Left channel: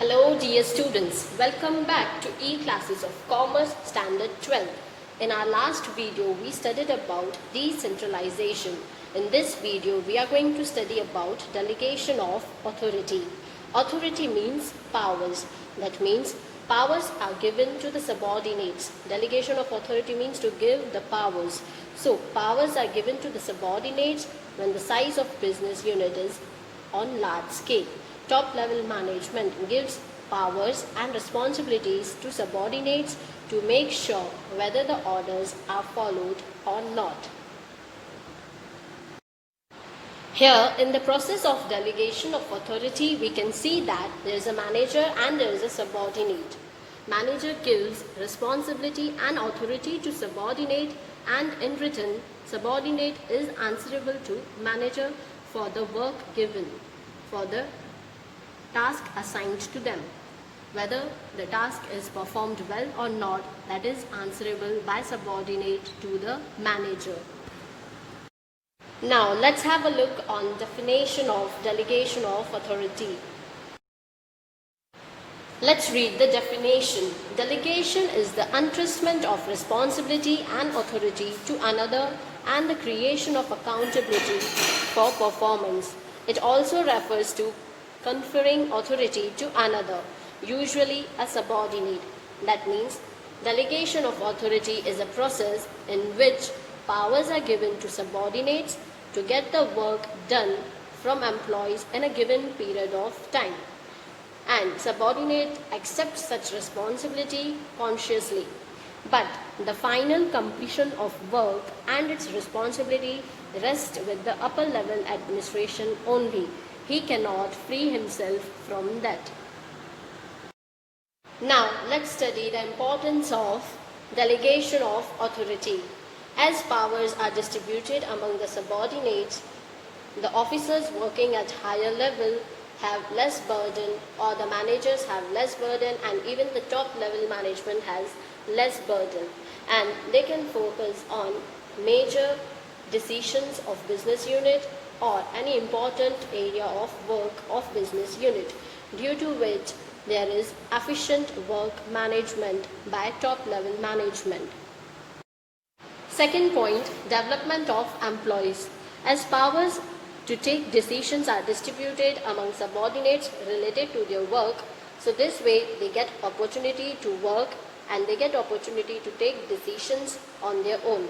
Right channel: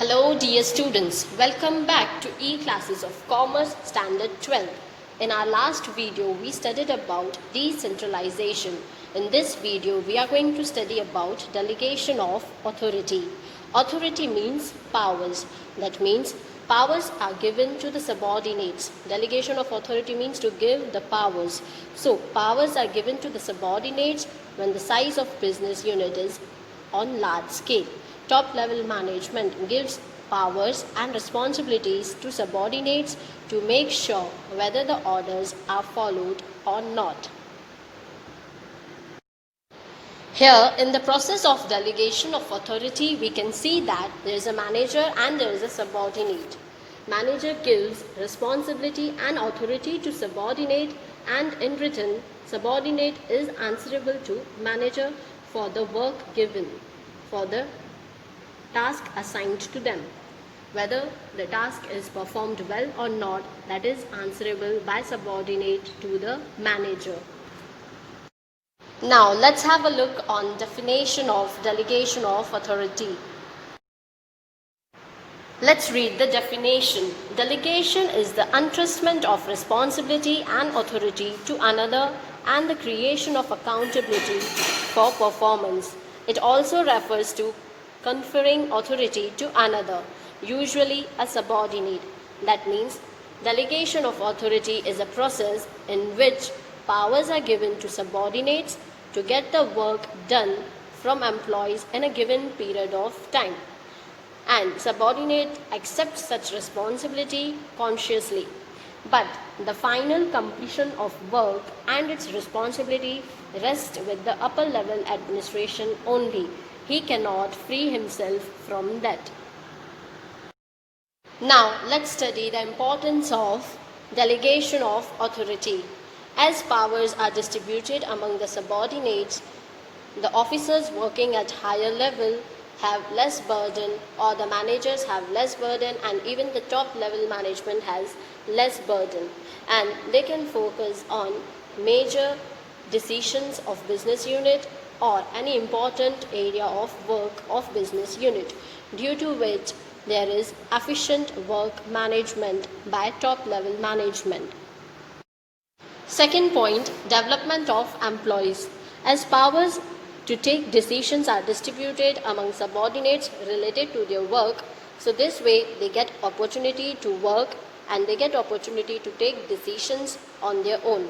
Hello dear students, welcome back to E-Classes of Commerce Standard 12. In our last video we studied about decentralization. In this video we are going to study about delegation of authority. Authority means powers. That means powers are given to the subordinates. Delegation of authority means to give the powers. So powers are given to the subordinates when the size of business unit is on large scale. Top level management gives powers and responsibilities to subordinates to make sure whether the orders are followed or not. Here, in the process of delegation of authority, we can see that there is a manager and there is a subordinate. Manager gives responsibility and authority to subordinate, and in return, subordinate is answerable to manager for the work given, for the task assigned to them. Whether the task is performed well or not, that is answerable by subordinate to the manager. Now let's have a look on definition of delegation of authority. Let's read the definition. Delegation is the entrustment of responsibility and authority to another and the creation of accountability for performance. It also refers to conferring authority to another, usually a subordinate. That means delegation of authority is a process in which powers are given to subordinates to get the work done from employees in a given period of time. And subordinate accepts such responsibility consciously. But the final completion of work and its responsibility rests with the upper level administration only. He cannot free himself from that. Now let's study the importance of delegation of authority. As powers are distributed among the subordinates, the officers working at higher level have less burden, or the managers have less burden, and even the top level management has less burden, and they can focus on major decisions of business unit or any important area of work of business unit, due to which there is efficient work management by top level management. Second point, development of employees. As powers to take decisions are distributed among subordinates related to their work, so this way they get opportunity to work and they get opportunity to take decisions on their own,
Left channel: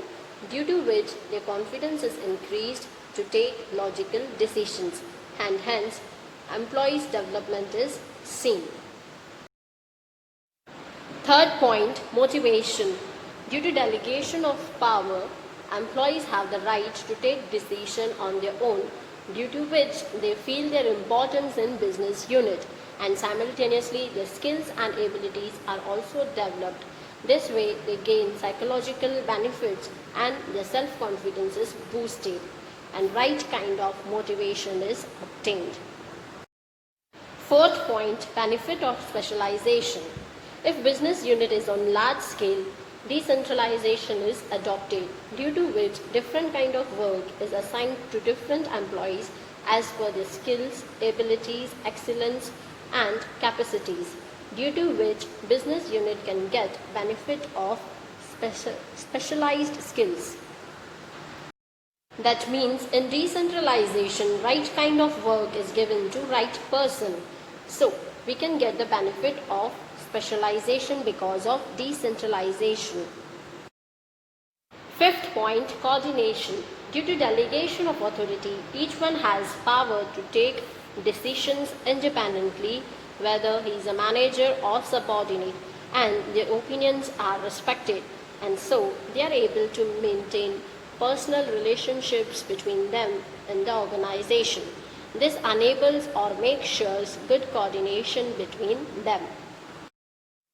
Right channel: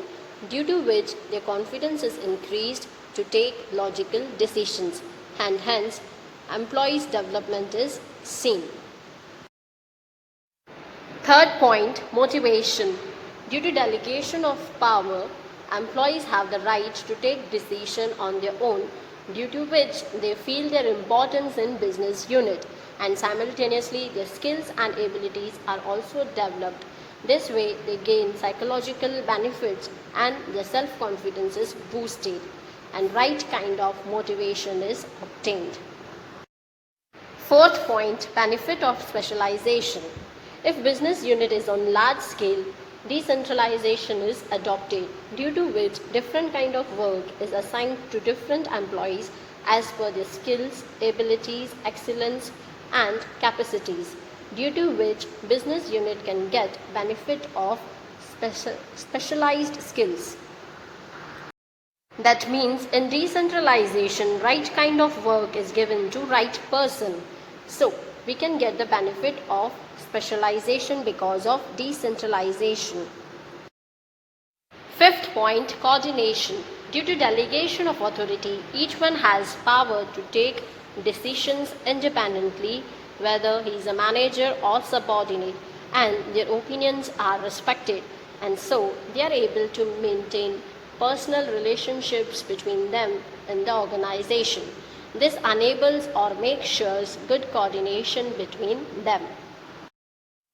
due to which their confidence is increased to take logical decisions, and hence employees' development is seen. Third point, motivation. Due to delegation of power, employees have the right to take decision on their own, due to which they feel their importance in business unit, and simultaneously their skills and abilities are also developed. This way they gain psychological benefits and their self-confidence is boosted, and right kind of motivation is obtained. Fourth point, benefit of specialization. If business unit is on large scale, decentralization is adopted, due to which different kind of work is assigned to different employees as per their skills, abilities, excellence and capacities, due to which business unit can get benefit of specialized skills. That means in decentralization, right kind of work is given to right person. So we can get the benefit of specialization because of decentralization. Fifth point, coordination. Due to delegation of authority, each one has power to take decisions independently, whether he is a manager or subordinate, and their opinions are respected, and so they are able to maintain personal relationships between them in the organization. This enables or makes sure good coordination between them.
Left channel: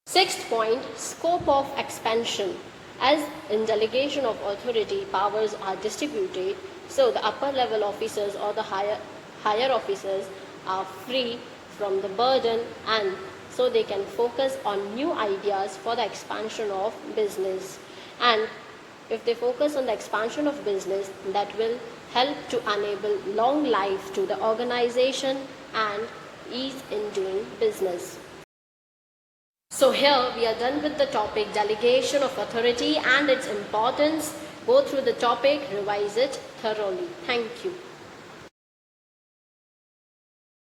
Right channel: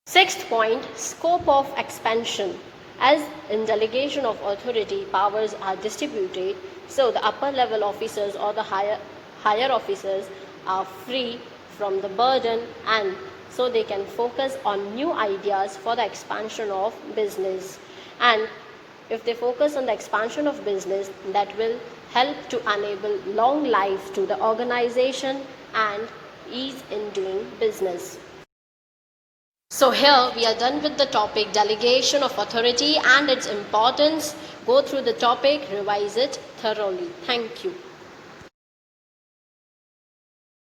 Sixth point, scope of expansion. As in delegation of authority, powers are distributed, so the upper level officers or the higher officers are free from the burden, and so they can focus on new ideas for the expansion of business. And if they focus on the expansion of business, that will help to enable long life to the organization and ease in doing business. So here we are done with the topic delegation of authority and its importance. Go through the topic, revise it thoroughly. Thank you.